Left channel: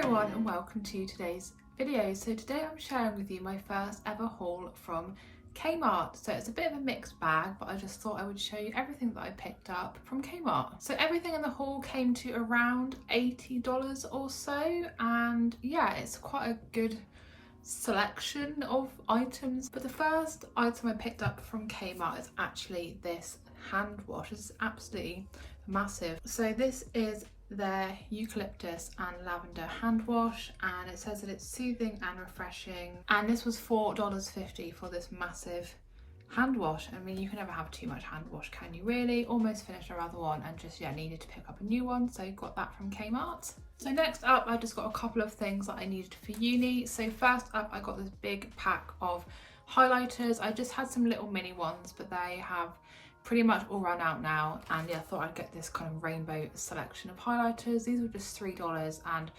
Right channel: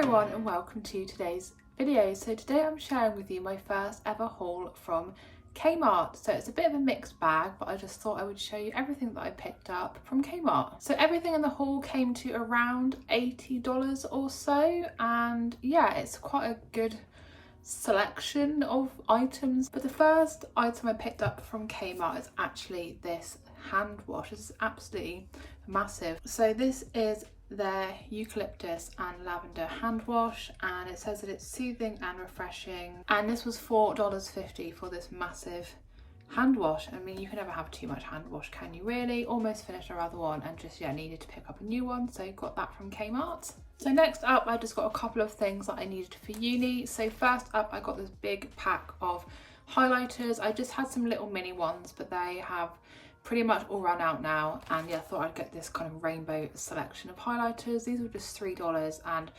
everyone and welcome to today's video. So today I'm sharing with you my first ever haul from Kmart. So it's a bit of a mixed bag, but I just thought I would show you everything that I picked up from Kmart. So everything in the haul came to around $80 or so, and yeah, it's quite a good selection of items. But the first item I picked up from Kmart is actually this hand wash. This is absolutely massive. So this is their Eucalyptus and Lavender hand wash, and it says that it's soothing and refreshing, and this was $4.50 for this massive hand wash. I mean, you can never have too much hand wash, can you really? Almost finished our other one and just needed to pick up a new one, so got that from Kmart. So next up, I just got a couple of things that I needed for uni. So first up, I got this big pack of highlighters. I just had some little mini ones, but they have pretty much all run out now, and yeah, I thought I'd get this kind of rainbow selection of highlighters. These were just $3, and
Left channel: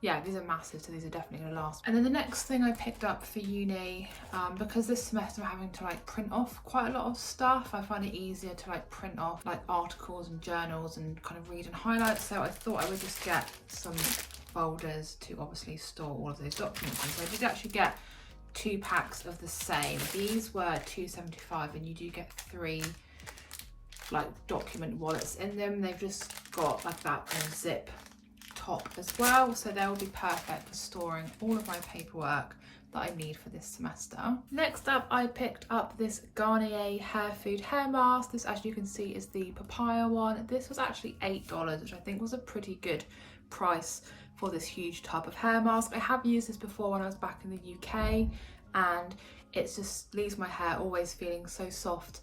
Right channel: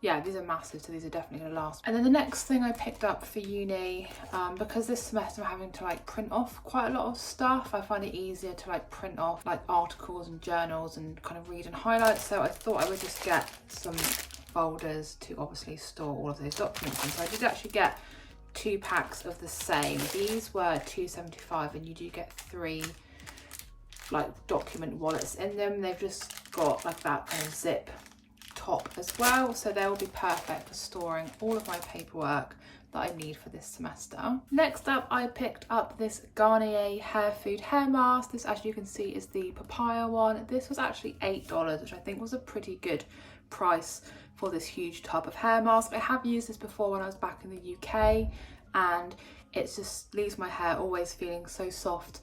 yeah, these are massive, so these are definitely going to last. And then the next thing I picked up for uni, because this semester I'm having to print off quite a lot of stuff, I find it easier to print off articles and journals and kind of read and highlight, so I thought I would just get some folders to obviously store all of those documents in. So I did actually get 2 packs of the same. These were $2.75, and you do get 3 document wallets in them. They've just got that zip top as well, so they will be perfect for storing all of my paperwork that I need for this semester. Next up, I picked up this Garnier hair food hair mask. This, as you can see, is the papaya one. This was actually $8, which I think was a pretty good price for this huge tub of hair mask. I have used this before when I was back in the UK, and it just leaves my hair always feeling so soft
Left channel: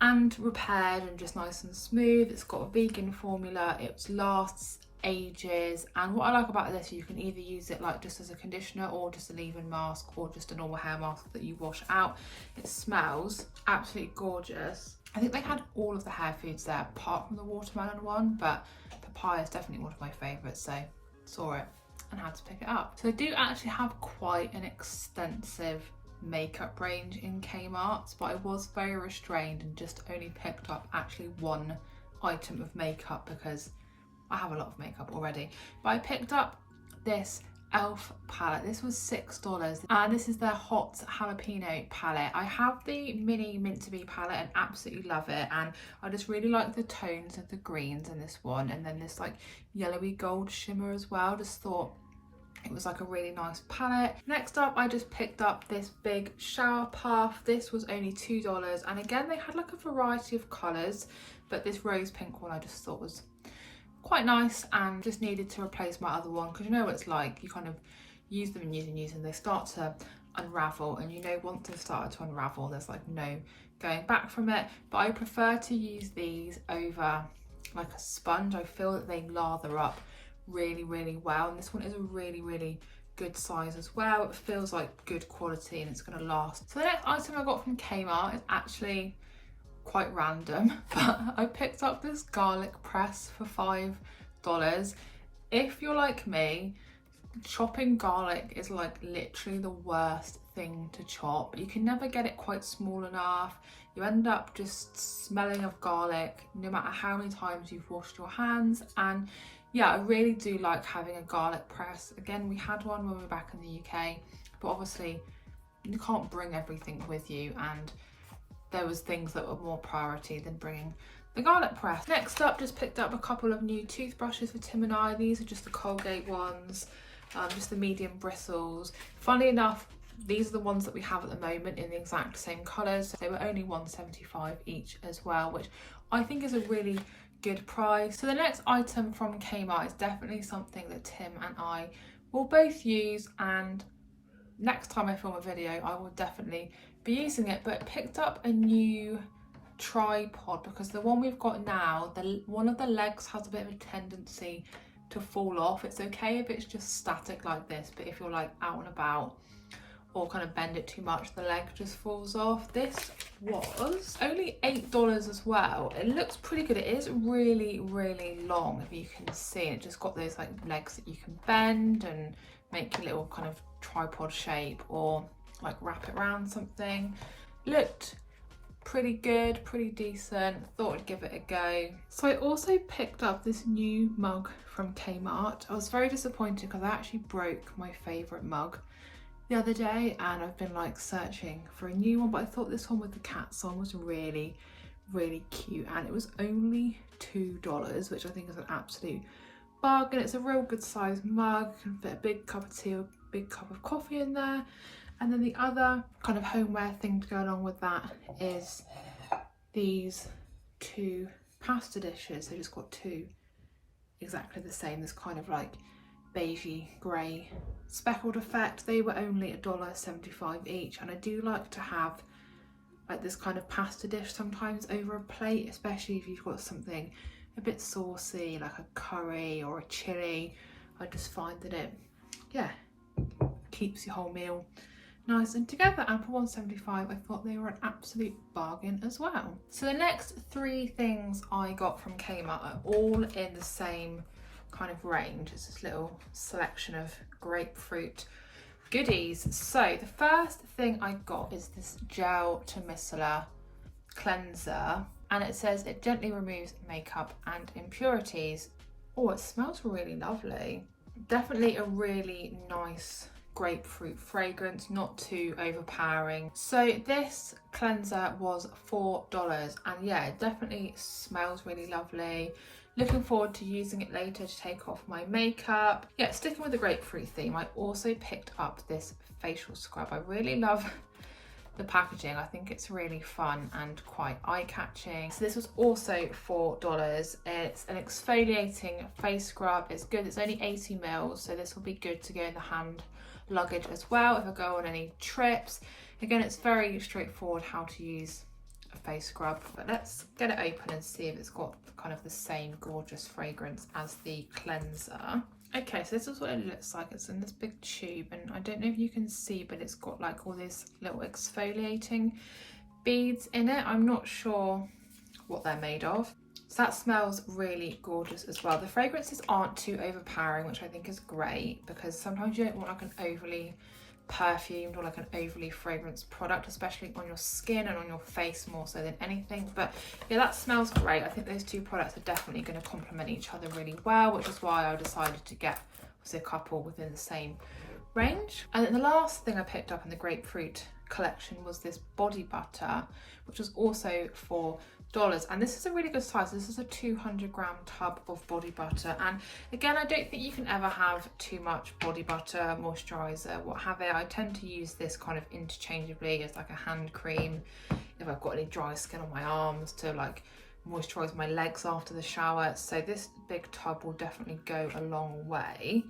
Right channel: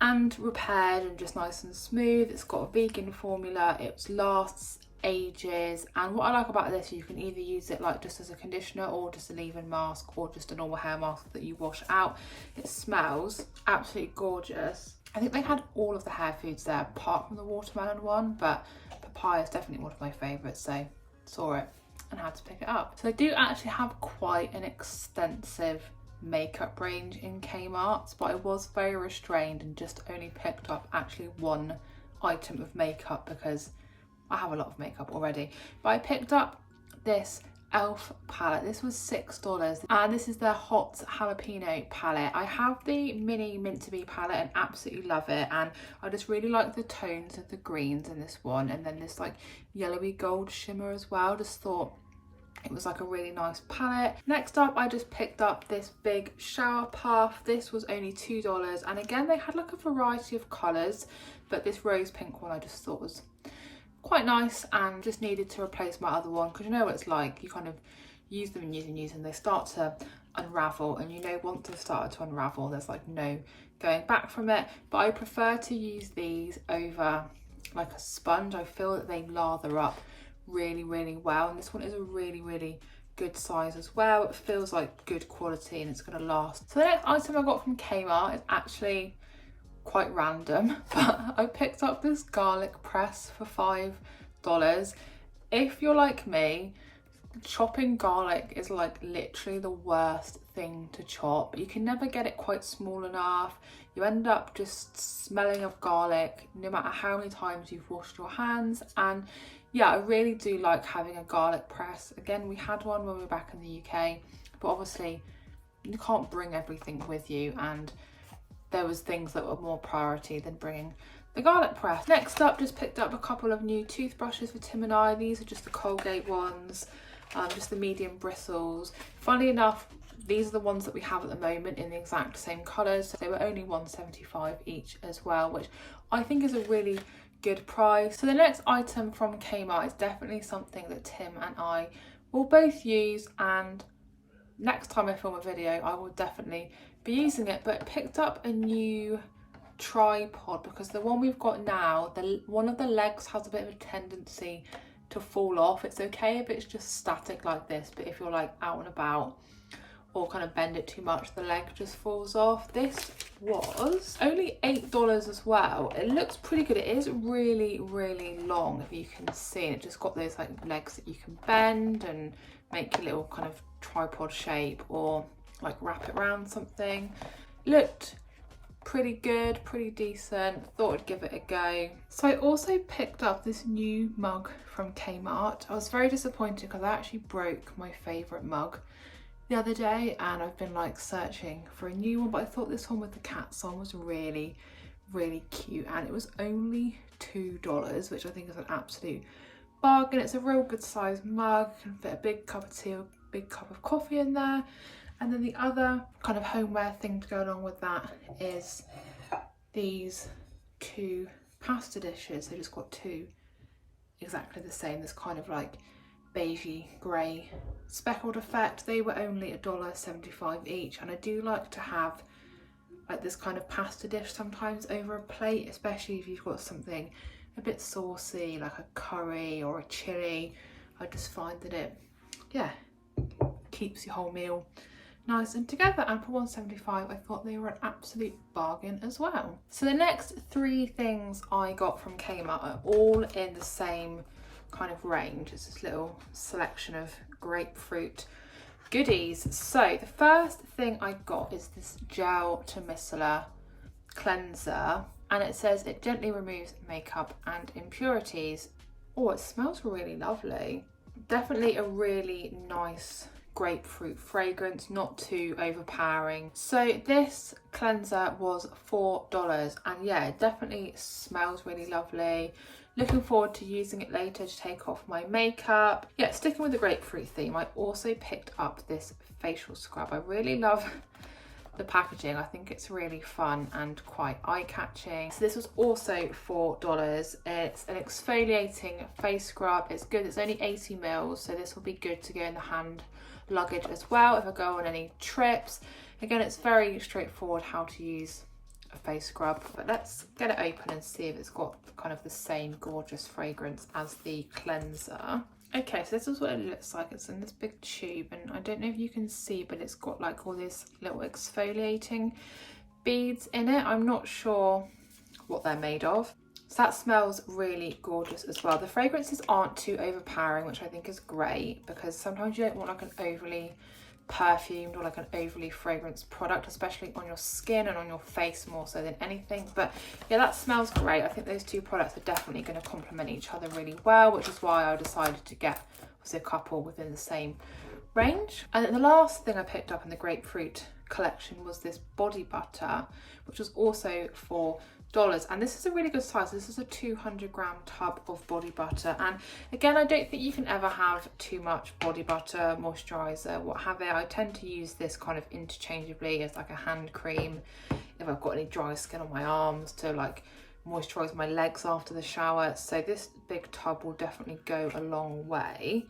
and repaired and just nice and smooth. It's got a vegan formula, it lasts ages, and what I like about this, you can either use it just as a conditioner or just a leave-in mask or just a normal hair mask that you wash out. It smells absolutely gorgeous. I think they had all of the hair foods there apart from the watermelon one, but papaya is definitely one of my favourites, so saw it and had to pick it up. So I do actually have quite an extensive makeup range in Kmart, but I was very restrained and just only picked up actually 1 item of makeup because I have a lot of makeup already. But I picked up this e.l.f. palette. This was $6, and this is their hot jalapeno palette. I have the mini mint to be palette and absolutely love it, and I just really like the tones of the greens in this one, and then this yellowy gold shimmer as well. Just thought it was a really nice palette. Next up, I just picked up this big shower puff. This was only $2, and again, they had a variety of colours, but this rose pink one I just thought was quite nice and just needed to replace my other one, because you know what it's like, you kind of use them and use and use them, they start to unravel, and once they've started to unravel, there's no going back from it. But I prefer to use these over a sponge. I feel that they lather up really well, and this one is a really good size as well. It feels like good quality and it's going to last. So the next item I got from Kmart is actually quite random, but I picked up this garlic press for $5. If you're like me, chopping garlic is literally the worst thing to chop. You can never get it quite small enough. You end up just smelling of garlic no matter how many times you've washed your hands. And yeah, I really do like having a garlic press. Again, we had one when we were back in the UK, but obviously you can't bring everything with you, and there was things that were more priority than bringing the garlic press. Next up, just picked up a couple of new toothbrushes for Tim and I. These are just the Colgate ones, just the medium bristles. Funnily enough, these are the ones that we have at the moment in the exact same colours. So they were only $1.75 each as well, which I think is a really good price. So the next item from Kmart is definitely something that Tim and I will both use, and next time I film a video I will definitely be using it. But picked up a new tripod because the one we've got now, one of the legs has a bit of a tendency to fall off. It's okay if it's just static like this, but if you're out and about or kind of bend it too much, the leg just falls off. This was only $8 as well. It looks pretty good. It is really long, if you can see. It just got those legs that you can bend and make your little kind of tripod shape, or wrap it around something. Looked pretty good, pretty decent. Thought I'd give it a go. So I also picked up this new mug from Kmart. I was very disappointed because I actually broke my favourite mug the other day, and I've been like searching for a new one, but I thought this one with the cats on was really cute, and it was only $2, which I think is an absolute bargain. It's a real good sized mug, you can fit a big cup of tea or a big cup of coffee in there. And then the other kind of homeware thing to go along with that is these 2 pasta dishes. They just got 2 exactly the same, this kind of like beigey grey speckled effect. They were only $1.75 each, and I do like to have like this kind of pasta dish sometimes over a plate, especially if you've got something a bit saucy like a curry or a chili. I just find that it, yeah, keeps your whole meal nice and together, and for $1.75 I thought they were an absolute bargain as well. So the next 3 things I got from Kmart are all in the same kind of range. It's this little selection of grapefruit goodies. So the first thing I got is this gel to micellar cleanser, and it says it gently removes makeup and impurities. Oh, it smells really lovely. Definitely a really nice grapefruit fragrance, not too overpowering. So this cleanser was $4, and yeah, it definitely smells really lovely. Looking forward to using it later to take off my makeup. Yeah, sticking with the grapefruit theme, I also picked up this facial scrub. I really love the packaging. I think it's really fun and quite eye-catching. So this was also $4. It's an exfoliating face scrub. It's good. It's only 80 mils, so this will be good to go in the hand luggage as well if I go on any trips. Again, it's very straightforward how to use a face scrub, but let's get it open and see if it's got kind of the same gorgeous fragrance as the cleanser. Okay, so this is what it looks like. It's in this big tube, and I don't know if you can see, but it's got like all these little exfoliating beads in it. I'm not sure what they're made of. So that smells really gorgeous as well. The fragrances aren't too overpowering, which I think is great, because sometimes you don't want like an overly perfumed or like an overly fragranced product, especially on your skin and on your face more so than anything. But yeah, that smells great. I think those 2 products are definitely going to complement each other really well, which is why I decided to get a couple within the same range. And then the last thing I picked up in the grapefruit collection was this body butter, which was also $4, and this is a really good size. This is a 200-gram tub of body butter, and again, I don't think you can ever have too much body butter, moisturizer, what have you. I tend to use this kind of interchangeably as like a hand cream if I've got any dry skin on my arms, to like moisturize my legs after the shower. So this big tub will definitely go a long way.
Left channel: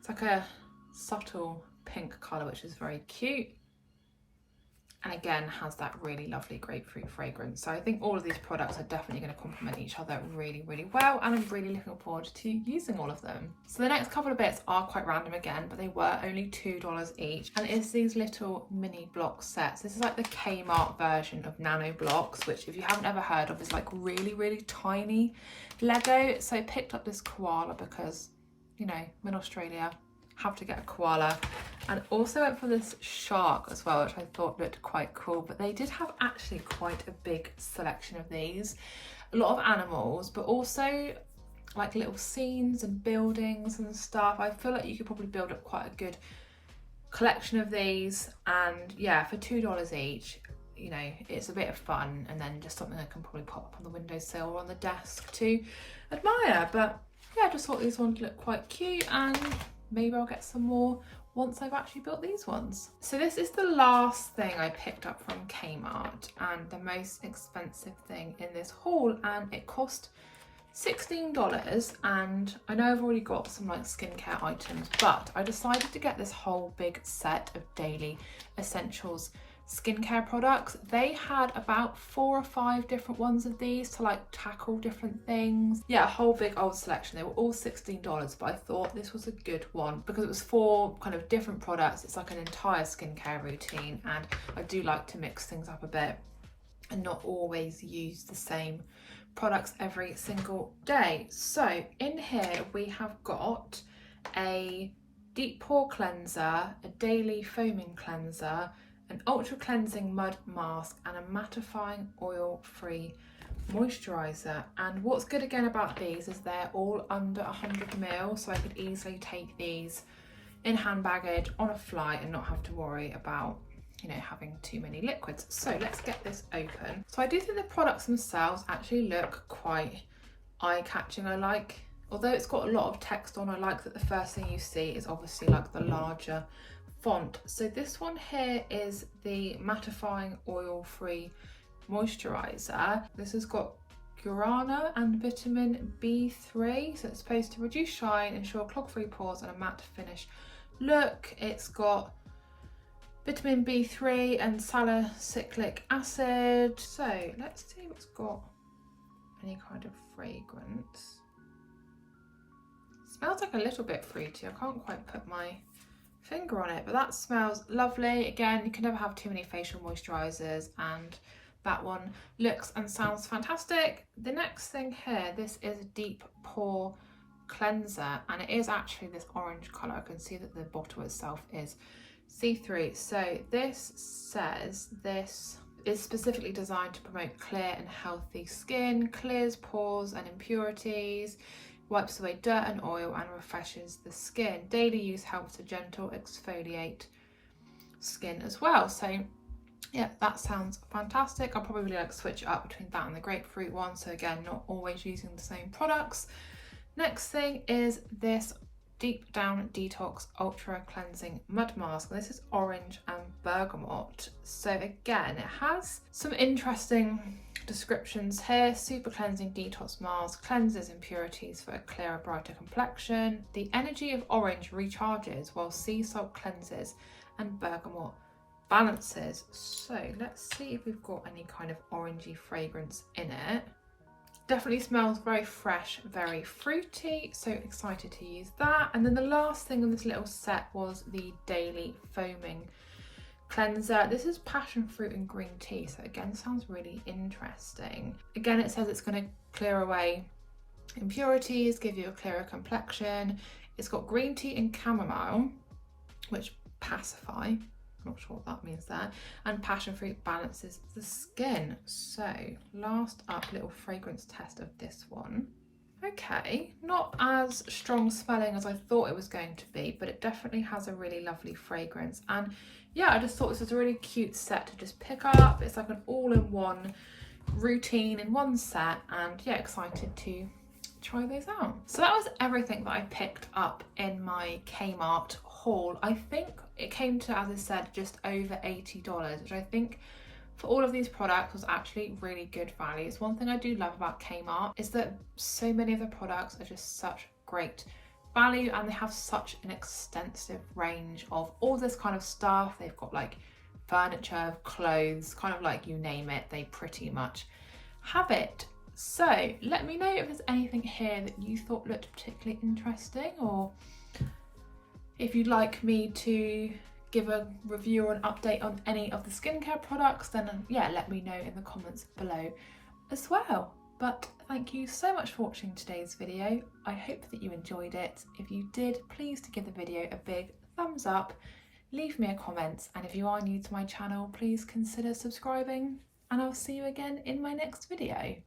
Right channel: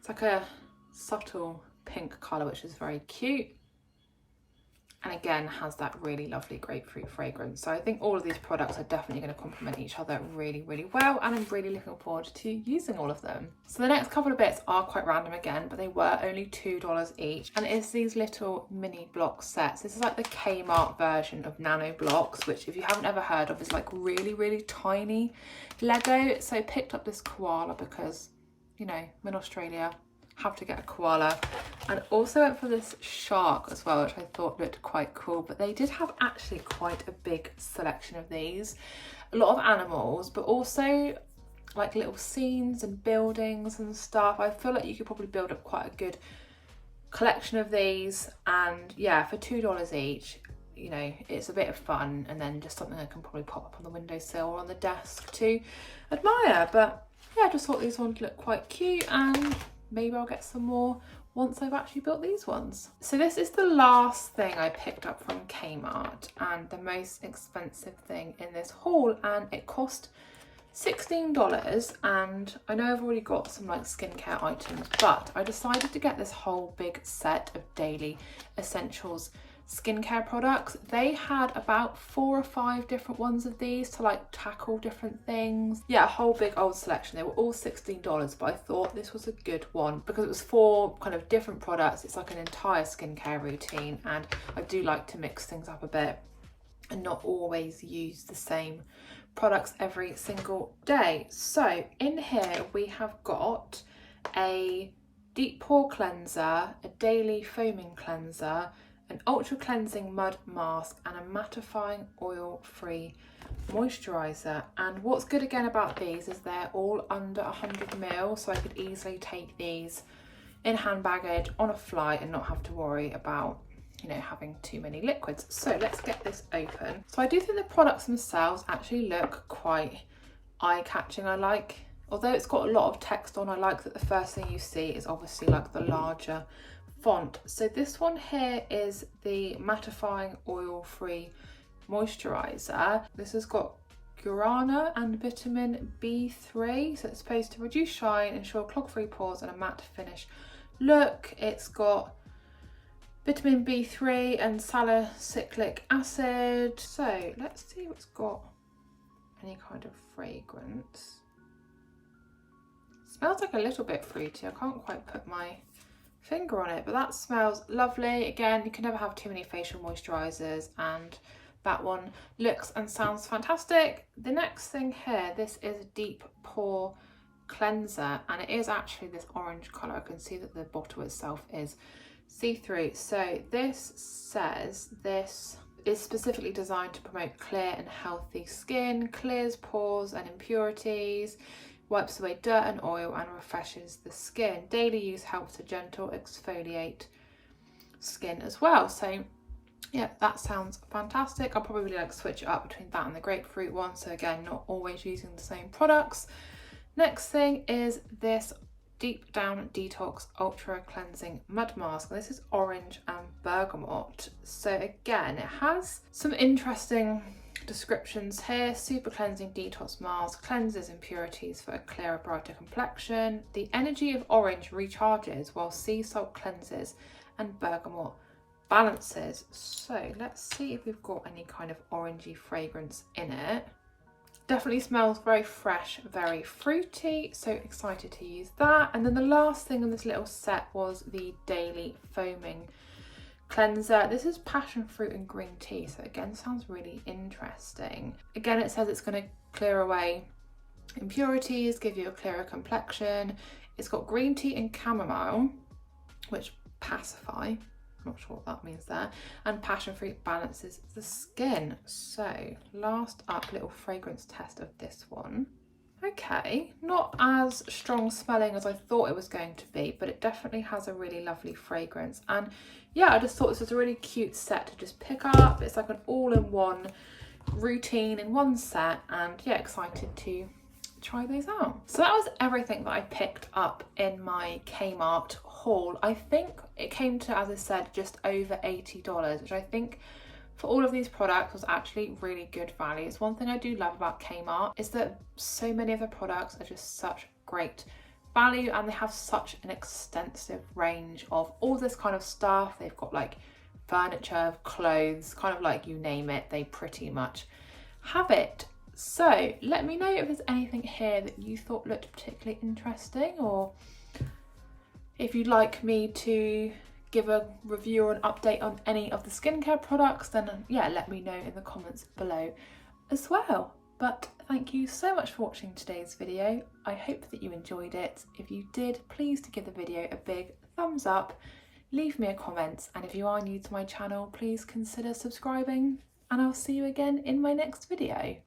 It's like a subtle pink color, which is very cute, and again has that really lovely grapefruit fragrance. So I think all of these products are definitely going to complement each other really well, and I'm really looking forward to using all of them. So the next couple of bits are quite random again, but they were only $2 each, and it's these little mini block sets. This is like the Kmart version of nano blocks, which if you haven't ever heard of is like really tiny Lego. So I picked up this koala because, you know, I'm in Australia, have to get a koala, and also went for this shark as well, which I thought looked quite cool. But they did have actually quite a big selection of these, a lot of animals, but also like little scenes and buildings and stuff. I feel like you could probably build up quite a good collection of these, and yeah, for $2 each, you know, it's a bit of fun, and then just something I can probably pop up on the windowsill or on the desk to admire. But yeah, I just thought these ones looked quite cute, and maybe I'll get some more once I've actually built these ones. So this is the last thing I picked up from Kmart, and the most expensive thing in this haul, and it cost $16. And I know I've already got some like skincare items, but I decided to get this whole big set of daily essentials skincare products. They had about 4 or 5 different ones of these to like tackle different things. Yeah, a whole big old selection. They were all $16, but I thought this was a good one because it was 4 kind of different products. It's like an entire skincare routine, and I do like to mix things up a bit and not always use the same products every single day. So in here we have got a deep pore cleanser, a daily foaming cleanser, an ultra cleansing mud mask and a mattifying oil free moisturizer. And what's good again about these is they're all under 100 ml, so I could easily take these in hand baggage on a flight and not have to worry about, you know, having too many liquids. So let's get this open. So I do think the products themselves actually look quite eye-catching. Although it's got a lot of text on, I like that the first thing you see is obviously like the larger font. So this one here is the mattifying oil-free moisturizer. This has got guarana and vitamin B3, so it's supposed to reduce shine, ensure clog-free pores and a matte finish look. It's got vitamin B3 and salicylic acid. So let's see if it's got any kind of fragrance. Smells like a little bit fruity. I can't quite put my finger on it, but that smells lovely. Again, you can never have too many facial moisturizers, and that one looks and sounds fantastic. The next thing here, this is Deep Pore Cleanser, and it is actually this orange color. I can see that the bottle itself is see-through. So this says this is specifically designed to promote clear and healthy skin, clears pores and impurities, wipes away dirt and oil and refreshes the skin. Daily use helps to gentle exfoliate skin as well. So yeah, that sounds fantastic. I'll probably like switch it up between that and the grapefruit one. So again, not always using the same products. Next thing is this Deep Down Detox Ultra Cleansing Mud Mask. This is orange and bergamot. So again, it has some interesting descriptions here. Super cleansing detox mask, cleanses impurities for a clearer, brighter complexion. The energy of orange recharges while sea salt cleanses and bergamot balances. So let's see if we've got any kind of orangey fragrance in it. Definitely smells very fresh, very fruity, so excited to use that. And then the last thing in this little set was the Daily Foaming Cleanser. This is passion fruit and green tea, so again sounds really interesting. Again, it says it's going to clear away impurities, give you a clearer complexion. It's got green tea and chamomile, which pacify. Not sure what that means there, and passion fruit balances the skin. So last up, little fragrance test of this one. Okay, not as strong smelling as I thought it was going to be, but it definitely has a really lovely fragrance. And yeah, I just thought this was a really cute set to just pick up. It's like an all-in-one routine in one set, and yeah, excited to try those out. So that was everything that I picked up in my Kmart haul. I think it came to, as I said, just over $80, which I think for all of these products was actually really good value. It's one thing I do love about Kmart is that so many of the products are just such great value, and they have such an extensive range of all this kind of stuff. They've got like furniture, clothes, kind of like you name it, they pretty much have it. So let me know if there's anything here that you thought looked particularly interesting, or if you'd like me to give a review or an update on any of the skincare products, then yeah, let me know in the comments below as well. But thank you so much for watching today's video. I hope that you enjoyed it. If you did, please give the video a big thumbs up, leave me a comment, and if you are new to my channel, please consider subscribing, and I'll see you again in my next video.